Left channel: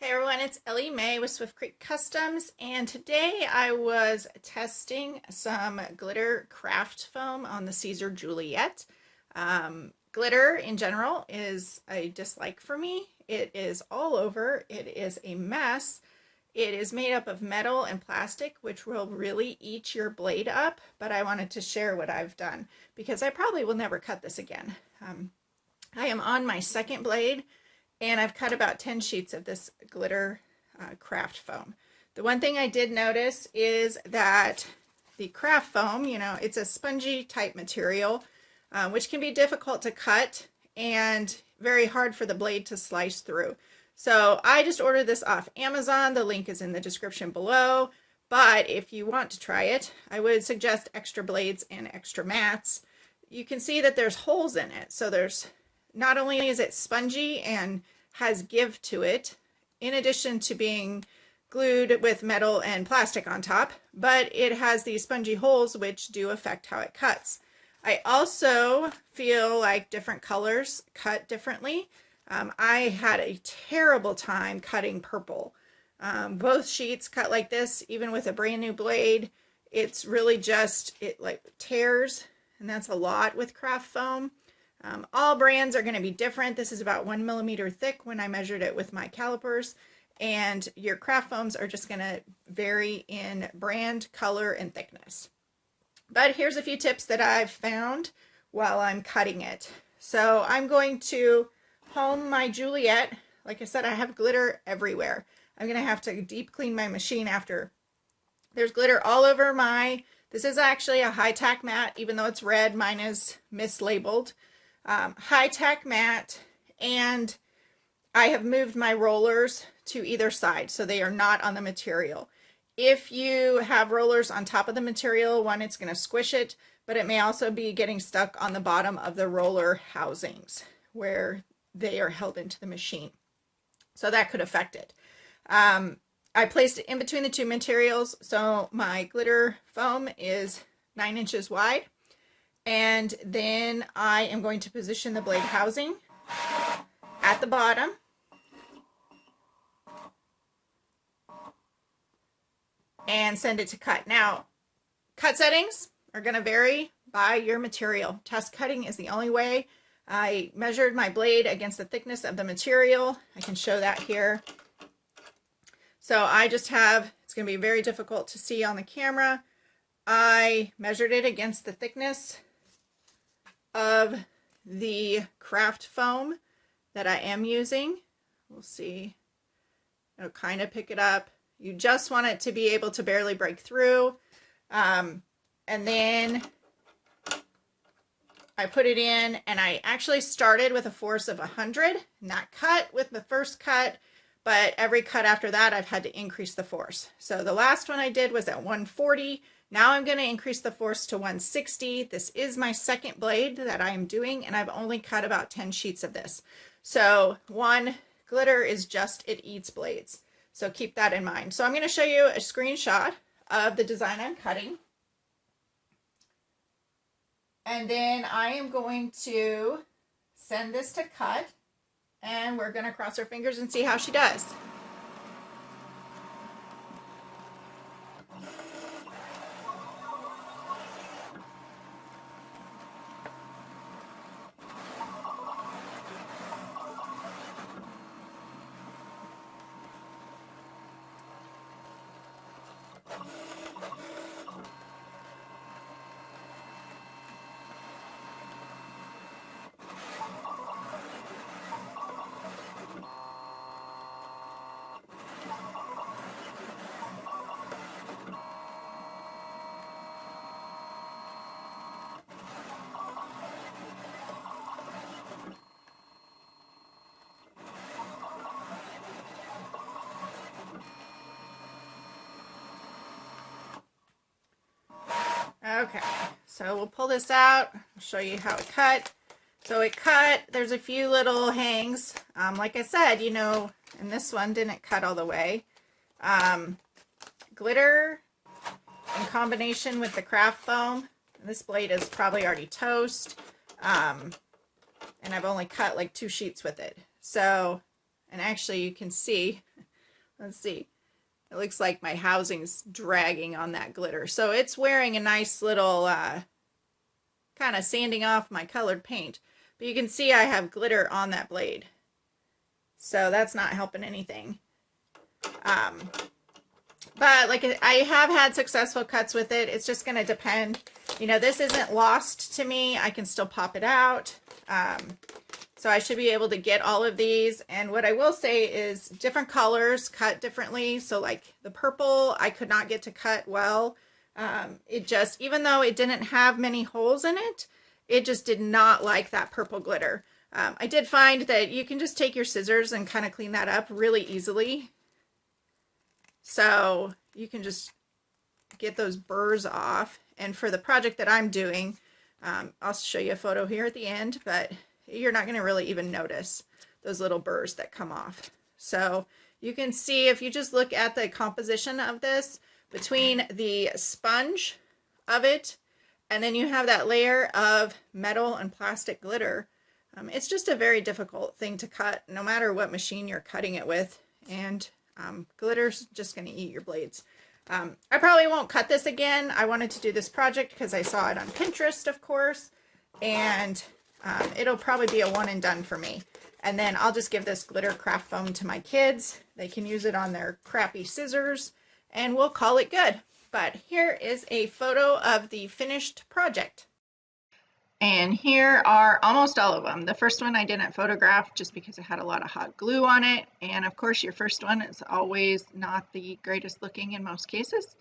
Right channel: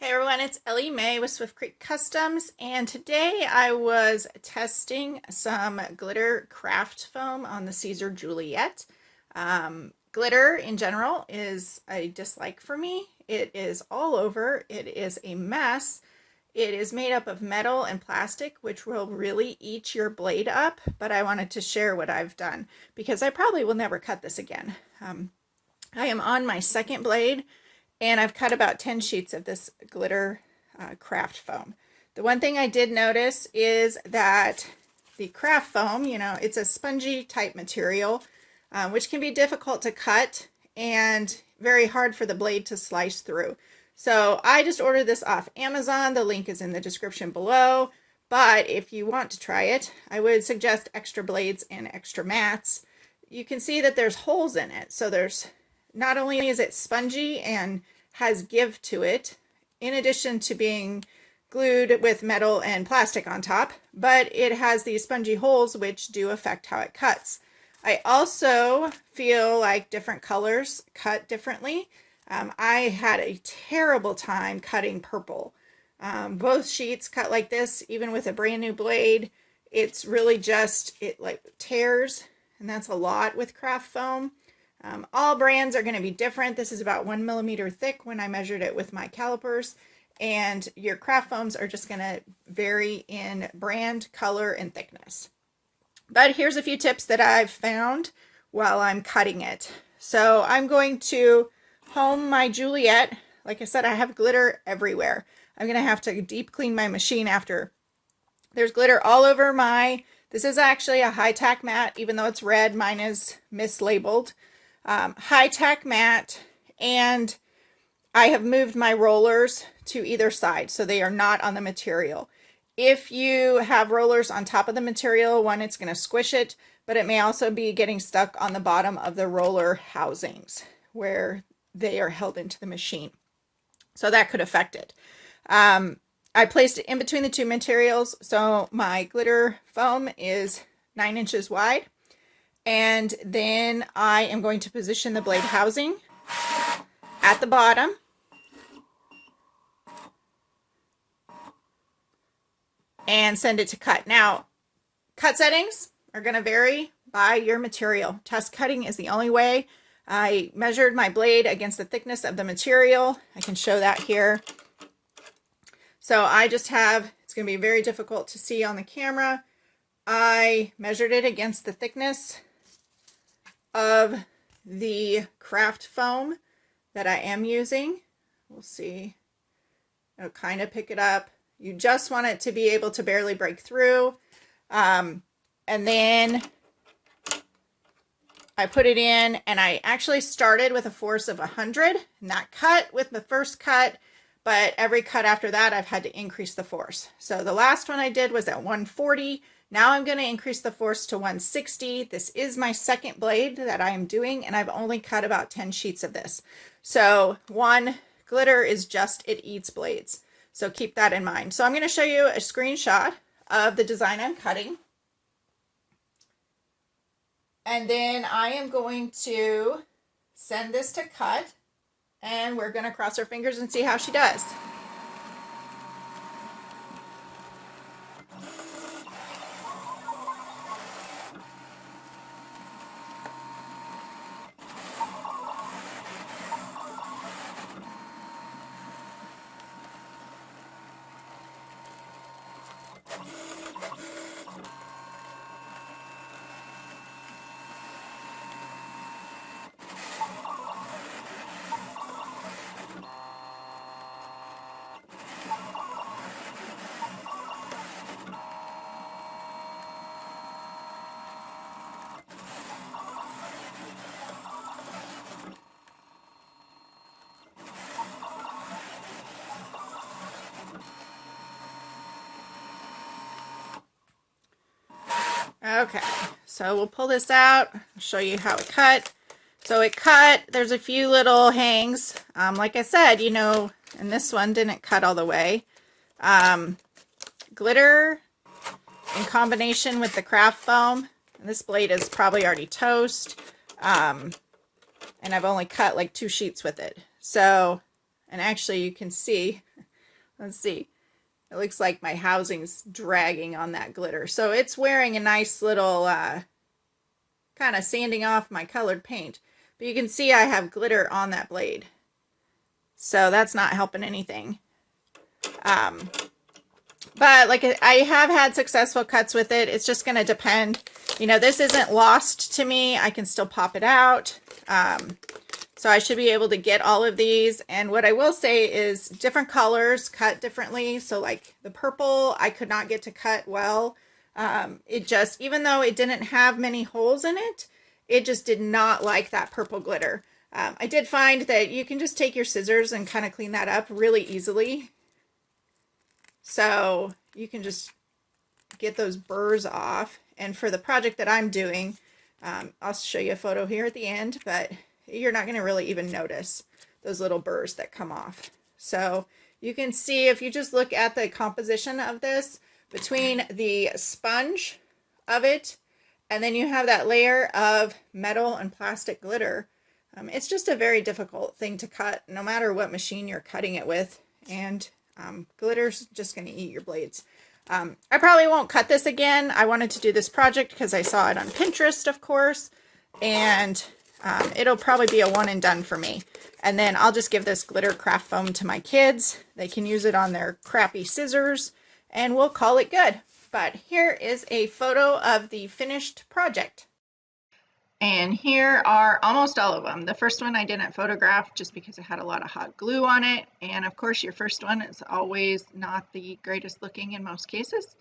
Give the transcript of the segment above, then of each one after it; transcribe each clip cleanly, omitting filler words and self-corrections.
Hey everyone, it's Ellie Mae with Swift Creek Customs, and today I was testing some glitter craft foam on the Siser Juliet. Glitter in general is a dislike for me. It is all over. It is a mess. It is made up of metal and plastic, which will really eat your blade up, but I wanted to share what I've done because I probably will never cut this again. I am on my second blade, and I've cut about 10 sheets of this glitter craft foam. The one thing I did notice is that the craft foam, it's a spongy type material, which can be difficult to cut and very hard for the blade to slice through. So I just ordered this off Amazon. The link is in the description below. But if you want to try it, I would suggest extra blades and extra mats. You can see that there's holes in it. So there's not only is it spongy and has give to it, in addition to being glued with metal and plastic on top, but it has these spongy holes which do affect how it cuts. I also feel like different colors cut differently. I had a terrible time cutting purple. Both sheets cut like this, even with a brand new blade. It's really just, it like tears, and that's a lot with craft foam. All brands are going to be different. This is about 1 millimeter thick when I measured it with my calipers, and your craft foams are just going to vary in brand, color, and thickness. But here's a few tips that I've found while I'm cutting it. So I'm going to home my Juliet. Like I said, I have glitter everywhere. I'm going to have to deep clean my machine after. There's glitter all over this is actually a high-tack mat, even though it's red, mine is mislabeled. High-tack mat, and I have moved my rollers to either side so they are not on the material. If you have rollers on top of the material, one, it's going to squish it, but it may also be getting stuck on the bottom of the roller housings where they are held into the machine. So that could affect it. I placed it in between the two materials, so my glitter foam is 9 inches wide. And then I am going to position the blade housing at the bottom. And send it to cut. Now, cut settings are going to vary by your material. Test cutting is the only way. I measured my blade against the thickness of the material. I can show that here. So I just have, it's going to be very difficult to see on the camera. I measured it against the thickness of the craft foam that I am using. We'll see. It'll kind of pick it up. You just want it to be able to barely break through. And then I put it in, and I actually started with a force of 100, not cut with the first cut, but every cut after that I've had to increase the force. So the last one I did was at 140. Now I'm going to increase the force to 160. This is my second blade that I'm doing, and I've only cut about 10 sheets of this. So glitter is just, it eats blades. So keep that in mind. So I'm going to show you a screenshot of the design I'm cutting. And then I am going to send this to cut, and we're going to cross our fingers and see how she does. Okay, so we'll pull this out. I'll show you how it cut. So it cut, there's a few little hangs. Like I said, and this one didn't cut all the way. Glitter in combination with the craft foam. And this blade is probably already toast. And I've only cut like 2 sheets with it. So, and actually you can see Let's see. It looks like my housing's dragging on that glitter. So it's wearing a nice little kind of sanding off my colored paint. But you can see I have glitter on that blade. So that's not helping anything. But like I have had successful cuts with it. It's just going to depend. You know, this isn't lost to me. I can still pop it out. So I should be able to get all of these. And what I will say is different colors cut differently. So like the purple, I could not get to cut well. It just, even though it didn't have many holes in it, it just did not like that purple glitter. I did find that you can just take your scissors and kind of clean that up really easily. So you can just get those burrs off. And for the project that I'm doing, I'll show you a photo here at the end, but you're not going to really even notice those little burrs that come off. So you can see if you just look at the composition of this between the sponge of it, and then you have that layer of metal and plastic glitter. It's just a very difficult thing to cut no matter what machine you're cutting it with. And glitter's just going to eat your blades. I probably won't cut this again. I wanted to do this project because I saw it on Pinterest, of course, and it'll probably be a one and done for me. And then I'll just give this glitter craft foam to my kids. They can use it on their crappy scissors and we'll call it good. But here is a photo of the finished project. And here are almost all of them. The first one I didn't photograph just because it had a lot of hot glue on it. And of course, your first one is always not the greatest looking in most cases.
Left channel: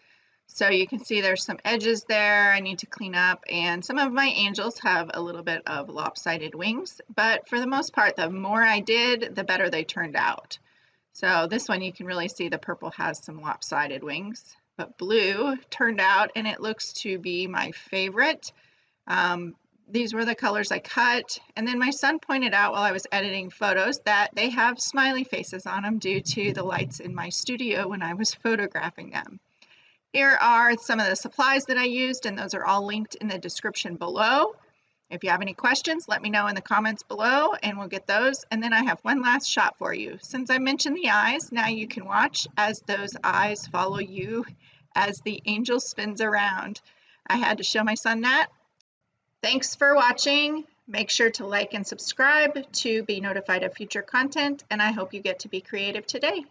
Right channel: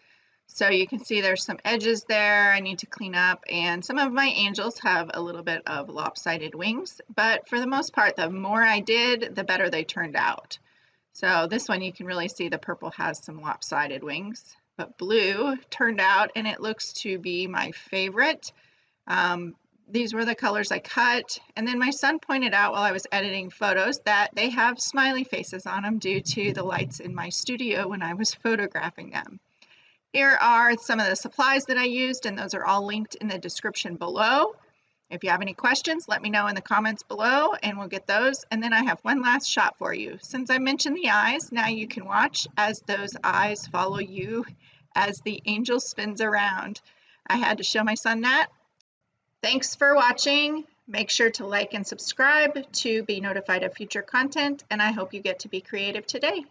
So you can see there's some edges there I need to clean up. And some of my angels have a little bit of lopsided wings. But for the most part, the more I did, the better they turned out. So this one, you can really see the purple has some lopsided wings. But blue turned out, and it looks to be my favorite. These were the colors I cut, and then my son pointed out while I was editing photos that they have smiley faces on them due to the lights in my studio when I was photographing them. Here are some of the supplies that I used, and those are all linked in the description below. If you have any questions, let me know in the comments below and we'll get those. And then I have one last shot for you. Since I mentioned the eyes, now you can watch as those eyes follow you as the angel spins around. I had to show my son that. Thanks for watching. Make sure to like and subscribe to be notified of future content, and I hope you get to be creative today.